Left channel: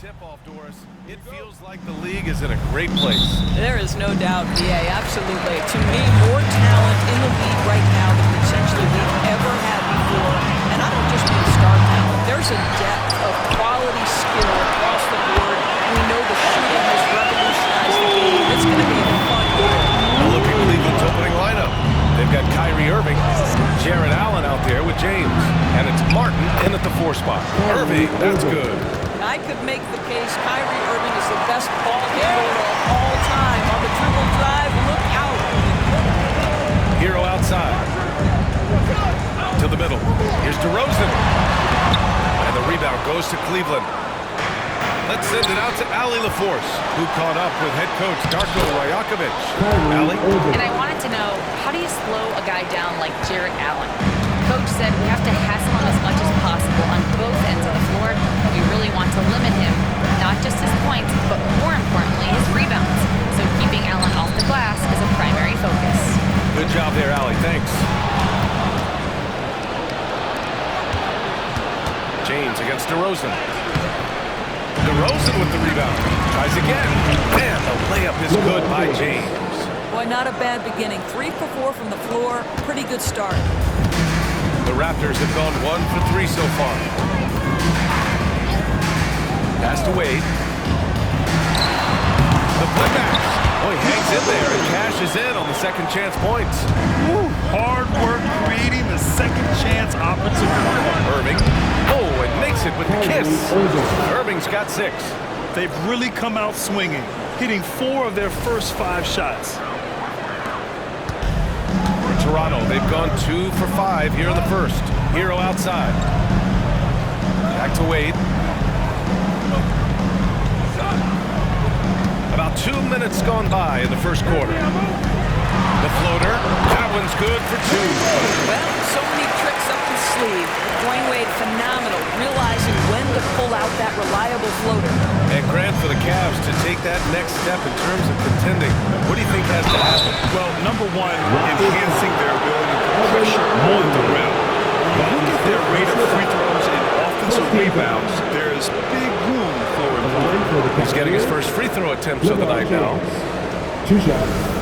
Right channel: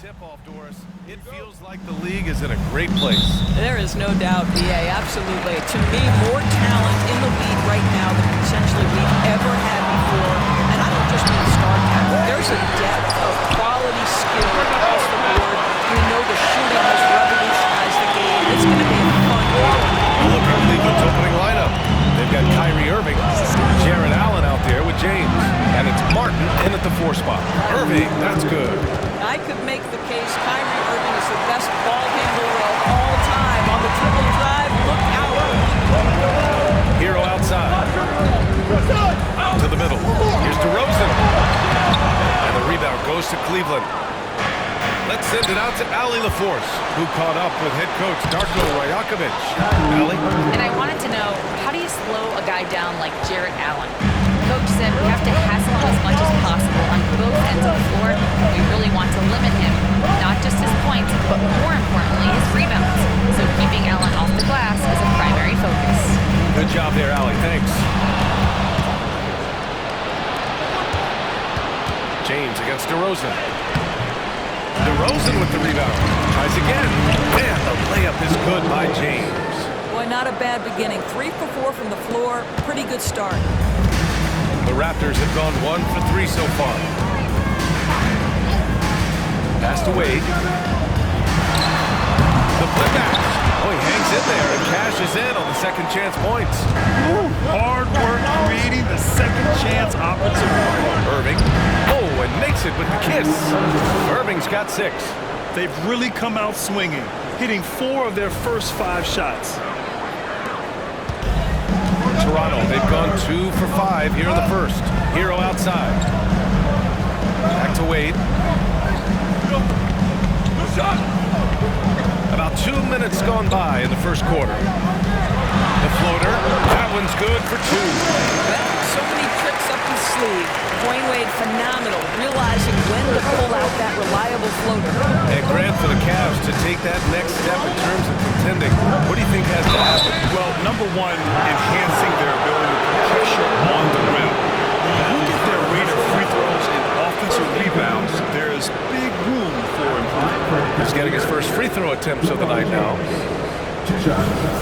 tip-off, Doris. It feels like the league is in a great place. There is no doubt, BA, absolutely. To me, more talent in the league right now than potentially we've ever had before. And I don't just mean star talent. There's a depth of quality skill across the board. We know the shooting has revolutionized the game. It's going to be a fun year. A look at Cleveland's opening lineup. They've got Kyrie Irving, Jarrett Allen out there with James, and it's Martin in at the 4 spot. Irving, that's good. I could make the case Kyrie Irving is the best ball handler of all time. On the dribble drive, look out. Hero outside. To the middle. Here's DeRozan. And the rebound goes to Cleveland. Let's send it out to Allie LaForce, who caught up with head coach Darko Rajakovic. Allie? And I wanted to know, how do you slow a guy down like Jarrett Allen? Coach said we have to hassle him as much as possible on both ends of the floor. We really want to limit him, not just his points, but more importantly, his rebounds. So keeping Allen off the glass is a primary focus. Good job there, Allie. Thanks. James against DeRozan. DeRozan with the rebound. Tries again. And the layup is good by James. Boy, not a bad beginning. 3 for 4 from the floor. Pretty good start. The Raptors have gone 1 for 3 so far. Pass to Wade. The putback. Oh, he hangs in there and cashes in on the second chance points. Ooh, hard work creating the second chance opportunity. Irving. Oh, and makes it with the kiss. Irving's got 6. They've really come out swinging, hitting 4 of their first 5 shots. Toronto, they've gone 2 for 5 here in the first. Hero outside. Back to Wade. About 2 minutes gone by in the first quarter. The floater, that one's good for 2. Well, so many tricks up his sleeve. Dwayne Wade, phenomenal, realizing when to pull out that reliable floater. And Grant, for the Cavs to take that next step in terms of contending, what do you think has to happen? Well, number one, enhancing their ability to put pressure on the rim. When you look at their rate of free throws and offensive rebounds, there's big room for improvement. He's getting his first free throw attempts of the night now. 2 shots.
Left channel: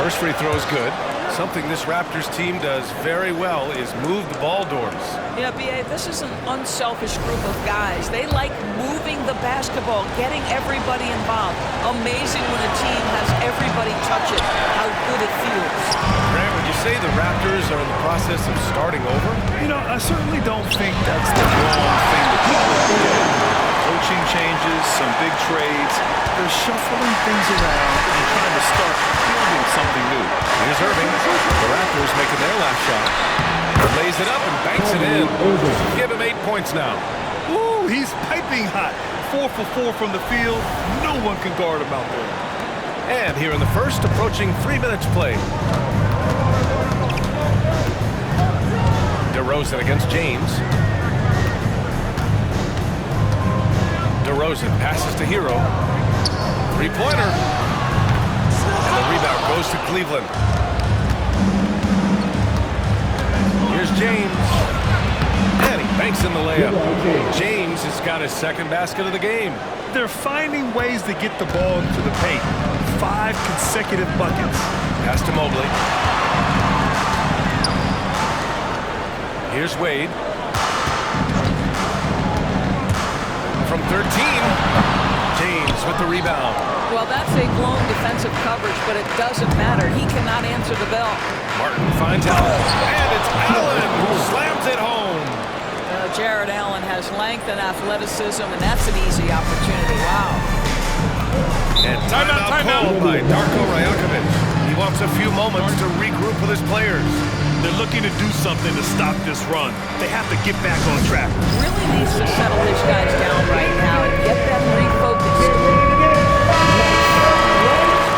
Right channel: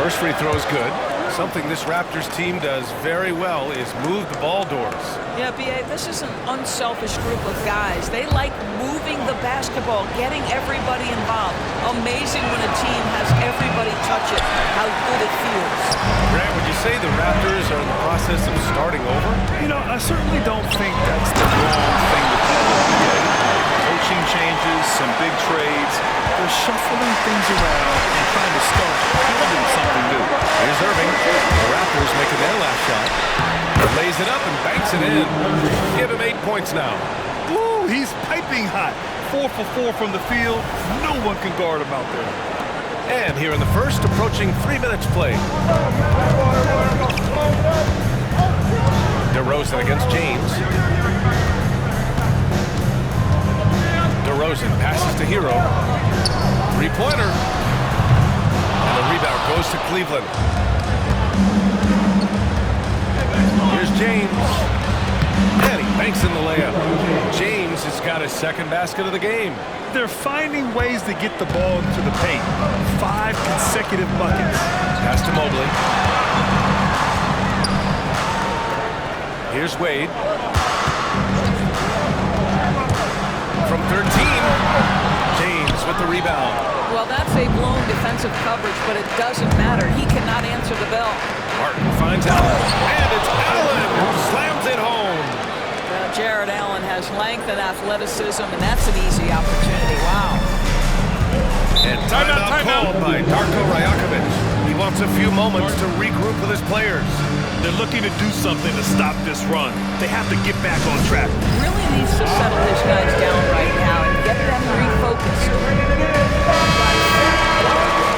First free throw is good. Something this Raptors team does very well is move the ball, Doris. Yeah, B.A., this is an unselfish group of guys. They like moving the basketball, getting everybody involved. Amazing when a team has everybody touch it, how good it feels. Grant, would you say the Raptors are in the process of starting over? You know, I certainly don't think that's the wrong thing to call it, BA. Coaching changes, some big trades. They're shuffling things around and trying to start building something new. Here's Irving. The Raptors making their last shot. Lays it up and banks it in. Give him 8 points now. Ooh, he's piping hot. 4 for 4 from the field. No one can guard him out there. And here in the first, approaching 3 minutes played. DeRozan against James. DeRozan passes to Hero. 3-pointer. And the rebound goes to Cleveland. Here's James. And he banks in the layup. James has got his second basket of the game. They're finding ways to get the ball into the paint. 5 consecutive buckets. Pass to Mobley. Here's Wade. From 13, James with the rebound. Well, that's a blown defensive coverage, but it doesn't matter. He cannot answer the bell. Martin finds Allen, and it's Allen who slams it home. Jarrett Allen has length and athleticism, and that's an easy opportunity. Wow. And timeout called by Darko Rajakovic. He wants a few moments to regroup with his players. They're looking to do something to stop this run. They have to get back on track. Really needs to settle his guys down right now and get them refocused.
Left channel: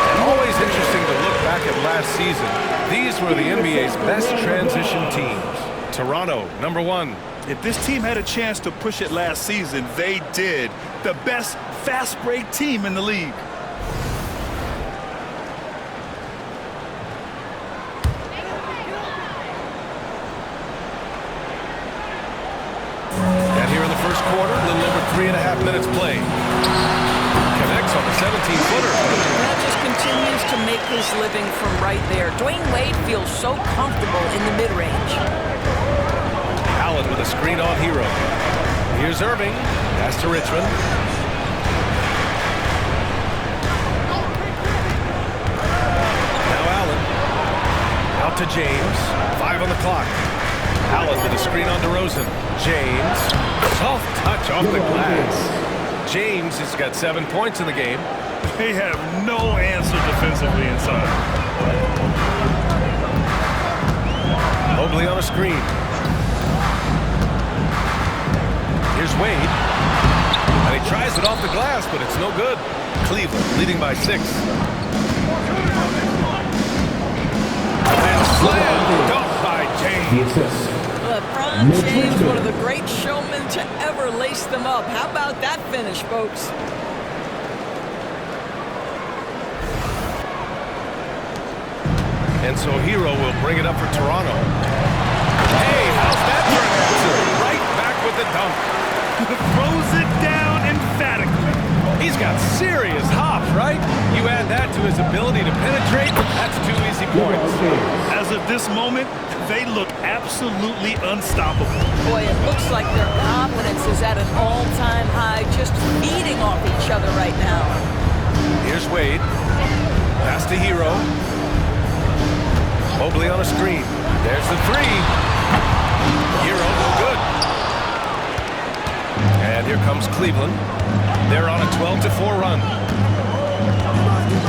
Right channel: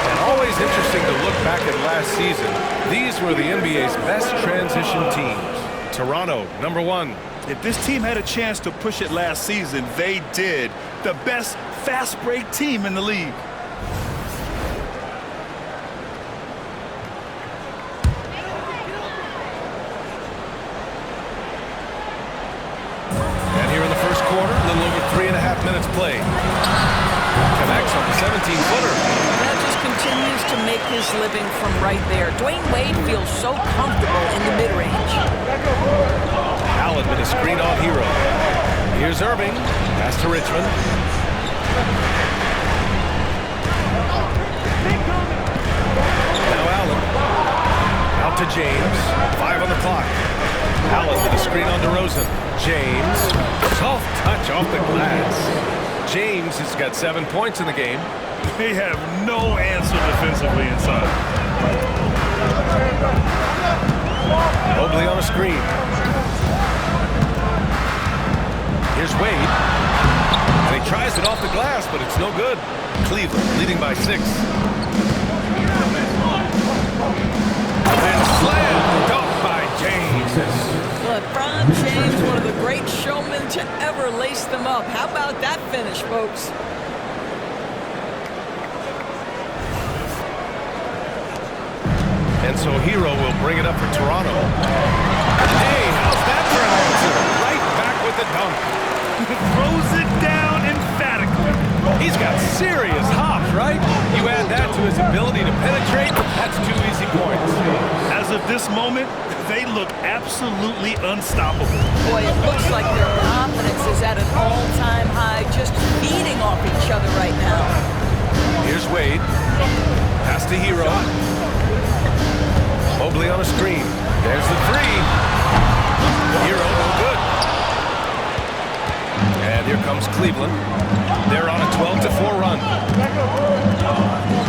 And always interesting to look back at last season. These were the NBA's best transition teams. Toronto, number 1. If this team had a chance to push it last season, they did. The best fast break team in the league. the first quarter, a little over 3.5 minutes played. Connects on the 17-footer. That just continues to make his living from right there. Dwayne Wade feels so comfortable in the mid-range. Allen with a screen on Hero. Here's Irving. Pass to Richmond. Now Allen. Out to James. 5 on the clock. Allen with a screen on DeRozan. James. Soft touch off the glass. James has got 7 points in the game. They have no answer defensively inside. Mobley on a screen. Here's Wade. And he tries it off the glass, but it's no good. Cleveland leading by 6. And slam dunk by James. LeBron James, one of the great showmen to ever lace them up. How about that finish, folks? And so Hero will bring it up for Toronto. Hey, how's that for an answer? Right back with the dunk. Throws it down emphatically. He's got serious hops, right? You add that to his ability to penetrate, that's 2 easy points. As of this moment, they look absolutely unstoppable. Boy, it looks like their confidence is at an all-time high, just feeding off each other right now. Here's Wade. Pass to Hero. Mobley on a screen. There's the 3. Hero, no good. And here comes Cleveland. They're on a 12-4 run.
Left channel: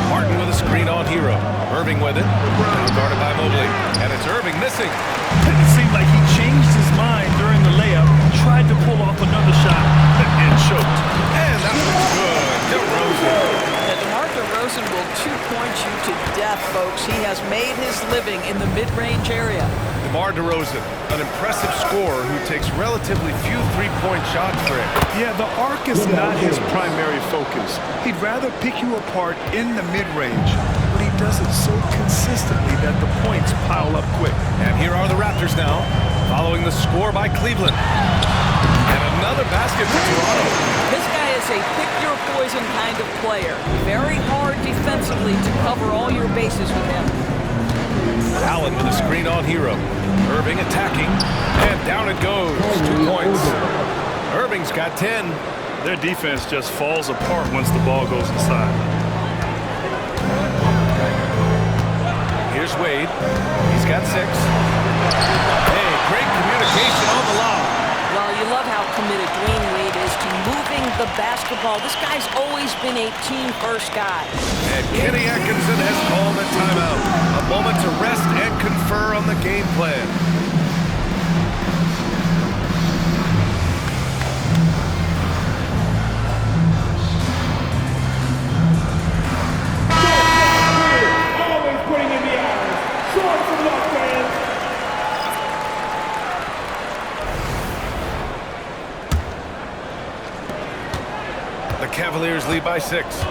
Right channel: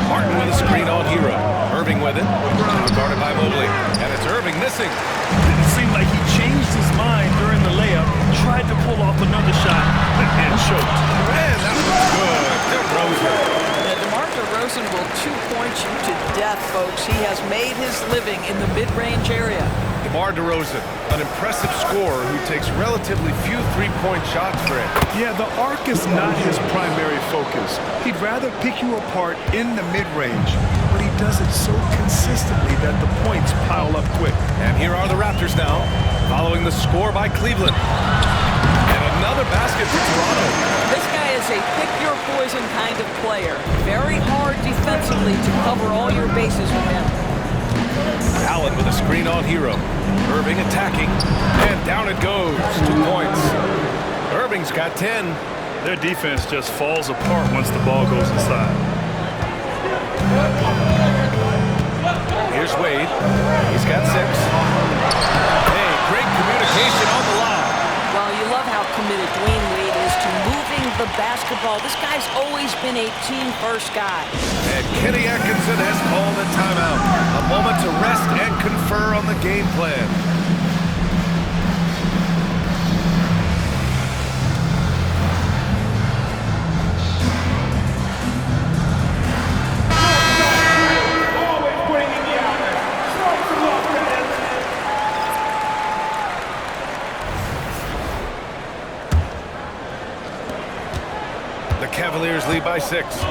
Martin with a screen on Hero. Irving with it. Now guarded by Mobley. And it's Irving missing. It seemed like he changed his mind during the layup, tried to pull off another shot, and choked. And that one's good. DeRozan. Now, DeMar DeRozan will 2-point you to death, folks. He has made his living in the mid-range area. DeMar DeRozan, an impressive scorer who takes relatively few three-point shots for him. Yeah, the arc is not his primary focus. He'd rather pick you apart in the mid-range, but he does it so consistently that the points pile up quick. And here are the Raptors now, following the score by Cleveland. And another basket for Toronto. This guy is a pick-your-poison kind of player. Very hard defensively to cover all your bases with him. Allen with a screen on Hero. Irving attacking, and down it goes. 2 points. Irving's got 10. Their defense just falls apart once the ball goes inside. Here's Wade. He's got 6. Hey, great communication on the lob. Well, you love how committed Dwayne Wade is to moving the basketball. This guy's always been a team-first guy. And Kenny Atkinson has called a timeout. A moment to rest and confer on the game plan. Always putting in the hours. Showing some love, man. The Cavaliers lead by 6.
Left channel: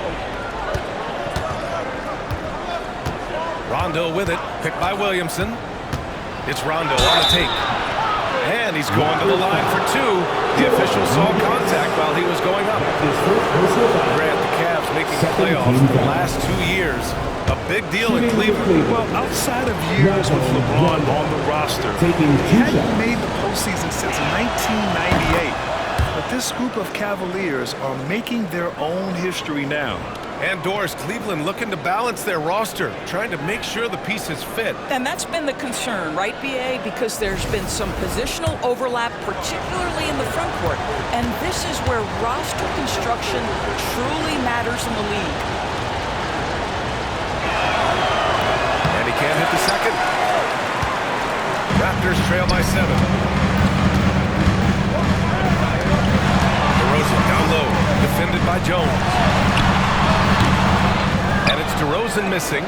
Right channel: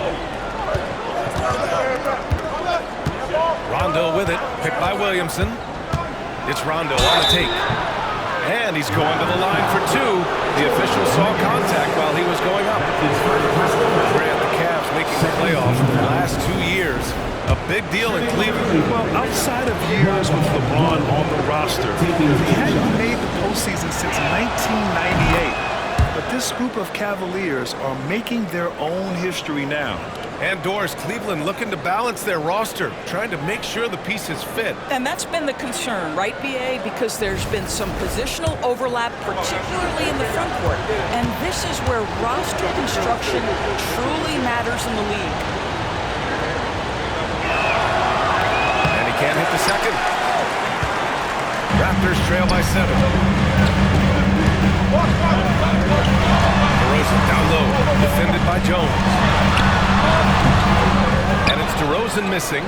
Rondo with it, picked by Williamson. It's Rondo on the take. And he's going to the line for 2. The official saw contact while he was going up. Grant, the Cavs making the playoffs the last 2 years. A big deal in Cleveland. Well, outside of years with LeBron on the roster, they hadn't made the postseason since 1998. But this group of Cavaliers are making their own history now. And Doris, Cleveland looking to balance their roster, trying to make sure the pieces fit. And that's been the concern, right, B.A.? Because there's been some positional overlap, particularly in the front court. And this is where roster construction truly matters in the league. And he can't hit the second. Raptors trail by 7. DeRozan down low, defended by Jones. And it's DeRozan missing.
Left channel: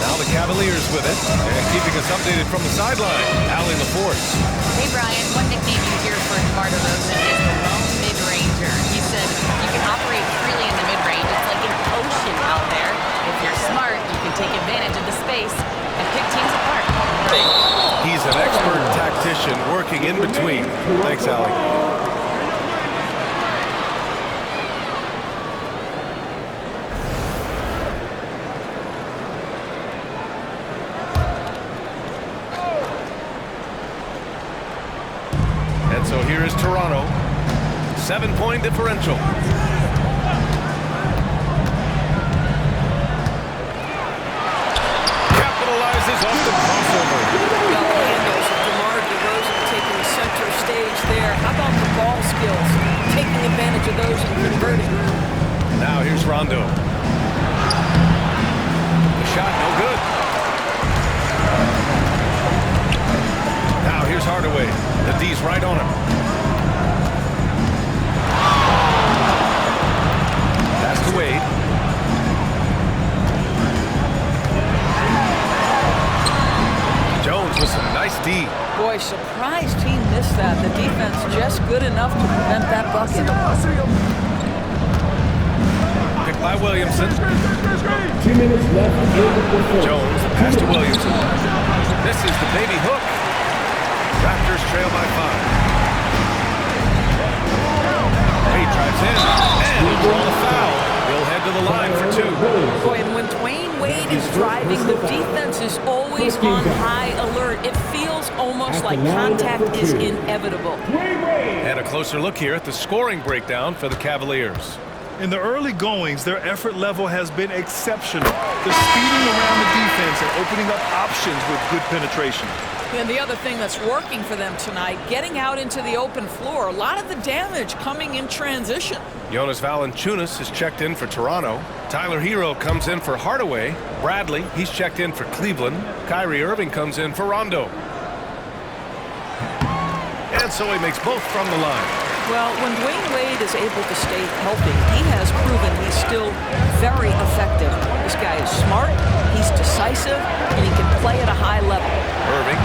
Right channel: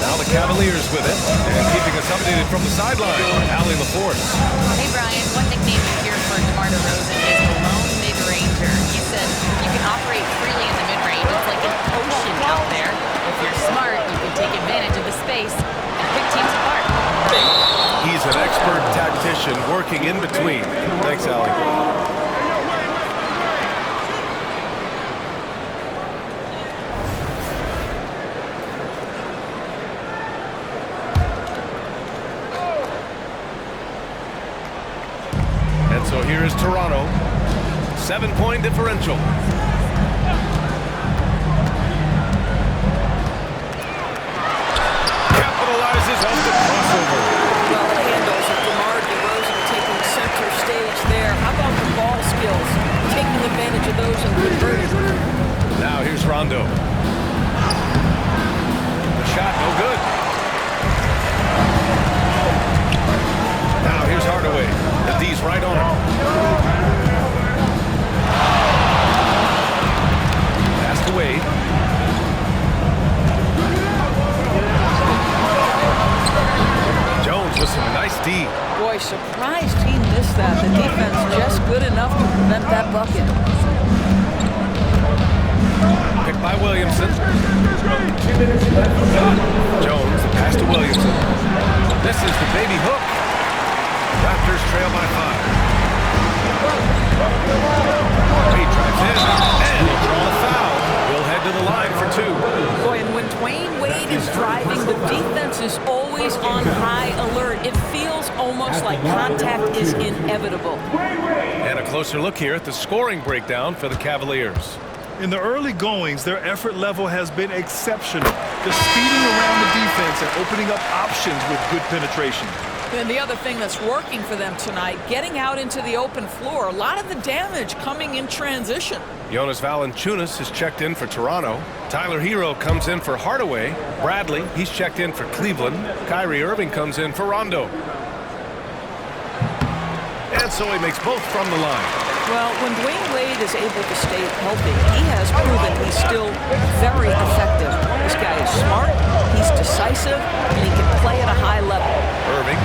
Now the Cavaliers with it, and keeping us updated from the sideline, Allie LaForce. Hey, Brian, one nickname you hear for DeMar DeRozan is the lone mid-ranger. He said you can operate freely in the mid-range. It's like an ocean out there. If you're smart, you can take advantage of the space and pick teams apart. Brian? He He's an expert tactician working in between. Thanks, Allie. And so here is Toronto. 7-point differential. Capitalizes off the crossover. Well, the handles of DeMar DeRozan taking center stage there. How about the ball skills? Taking advantage of those and converting. Now here's Rondo. The shot, no good. Now here's Hardaway. The D's right on him. Pass to Wade. Jones with some nice D. Boy, surprised he missed that. The defense just good enough to prevent that bucket. Picked by Williamson. Jones, the pass to Williamson. This is the baby hook. Raptors trail by 5. Wade drives in, and he'll draw the foul. He'll head to the line for 2. Boy, and when Dwayne Wade is driving, the defense is always on high alert. It feels almost like contact is inevitable. And a closer look here at the scoring breakdown for the Cavaliers. In the early goings, their effort level has been exceptional. They're speeding around the defense and opening up options with good penetration. And the other thing that's working for them tonight, getting out into the open floor. A lot of the damage coming in transition. Jonas Valanciunas is checked in for Toronto. Tyler Hero comes in for Hardaway. Bradley, he's checked in for Cleveland. Kyrie Irving comes in for Rondo. And so he makes both from the line. Well, when Dwayne Wade is able to stay healthy, he has proven he's still very effective. This guy is smart, he's decisive, and he can play at a high level. Irving,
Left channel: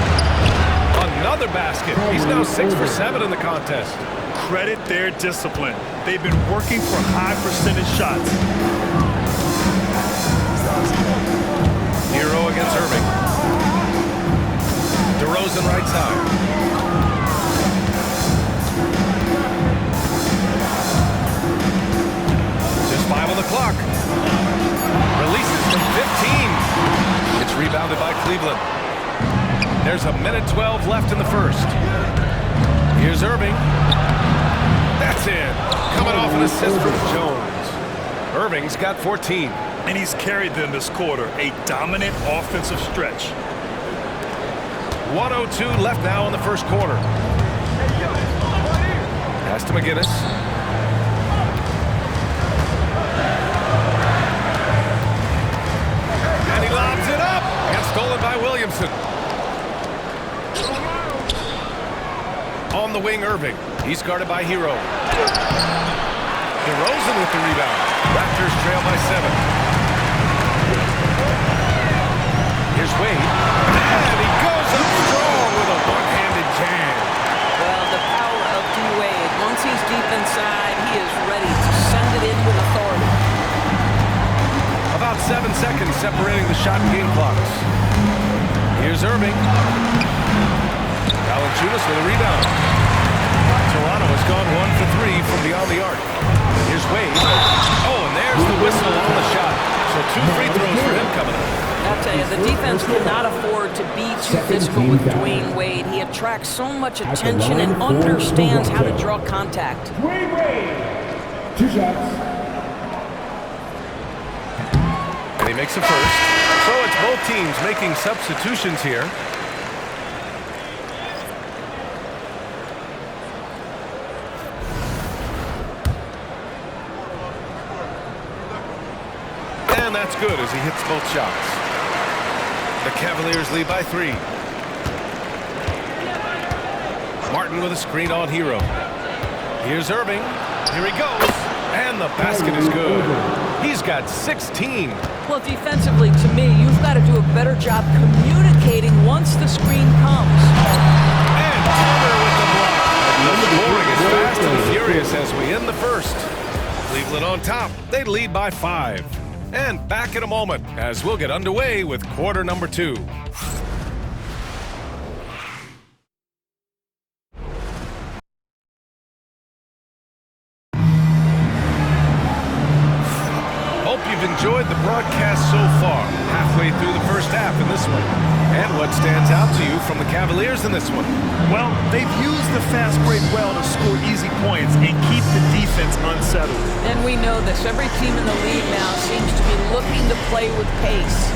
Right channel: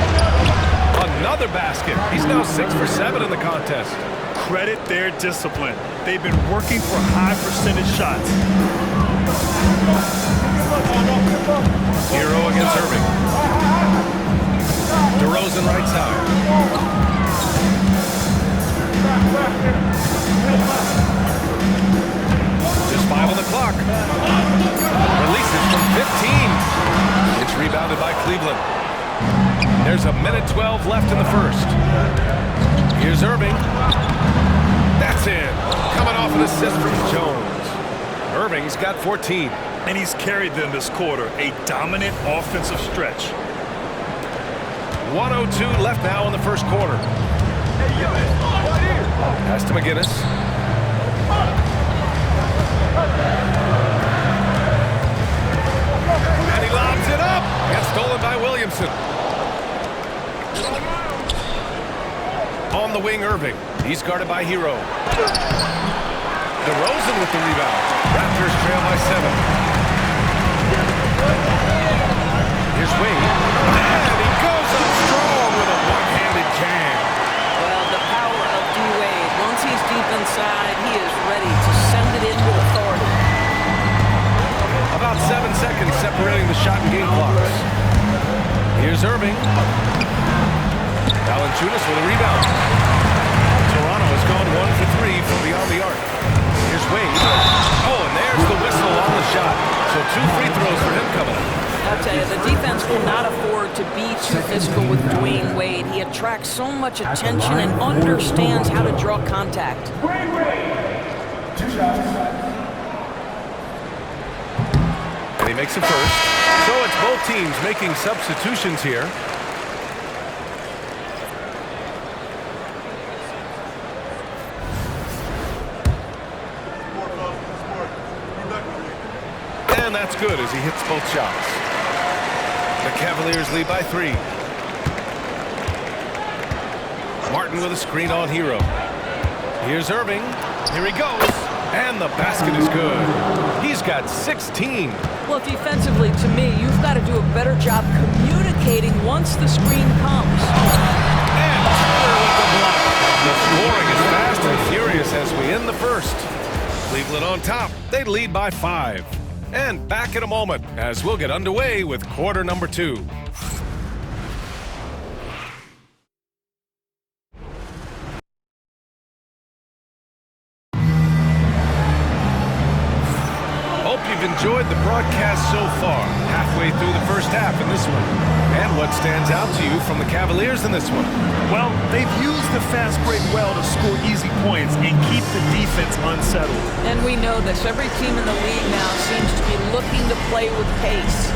another basket. He's now 6 for 7 in the contest. Credit their discipline. They've been working for high percentage shots. Hero against Irving. DeRozan right side. Just 5 on the clock. Releases from 15. It's rebounded by Cleveland. There's 1:12 left in the first. Here's Irving. That's in. Coming off an assist from Jones. Irving's got 14. And he's carried them this quarter. A dominant offensive stretch. 1:02 left now in the first quarter. Pass to McGinnis. And he lobs it up. Gets stolen by Williamson. On the wing, Irving. He's guarded by Hero. DeRozan with the rebound. Raptors trail by 7. Here's Wade. And he goes up strong with a one-handed jam. Well, the power of D. Wade. Once he's deep inside, he is ready to send it in with authority. About 7 seconds separating the shot and game clocks. Here's Irving. Valanciunas with a rebound. Toronto has gone 1 for 3 from beyond the arc. Here's Wade. Oh, and there's the whistle on the shot. So 2 free throws for him coming up. I'll tell you, the defense cannot afford to be too physical with Dwayne Wade. He attracts so much attention and understands how to draw contact. Wade. 2 shots. And he makes a first. So it's both teams making substitutions here. And that's good as he hits both shots. The Cavaliers lead by 3. Martin with a screen on Hero. Here's Irving. Here he goes. And the basket is good. He's got 16. Well, defensively, to me, you've got to do a better job communicating once the screen comes. And Turner with the block. The scoring is fast and furious as we end the first. Cleveland on top. They lead by 5. And back in a moment as we'll get underway with quarter number 2. you've enjoyed the broadcast so far, halfway through the first half in this one. And what stands out to you from the Cavaliers in this one? Well, they've used the fast break well to score easy points and keep the defense unsettled. And we know this. Every team in the league now seems to be looking to play with pace.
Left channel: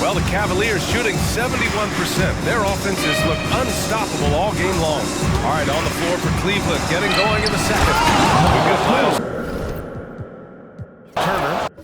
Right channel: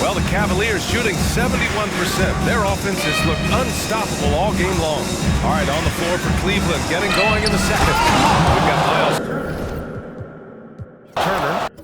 Well, the Cavaliers shooting 71%. Their offenses look unstoppable all game long. All right, on the floor for Cleveland, getting going in the second. We've got Miles Turner.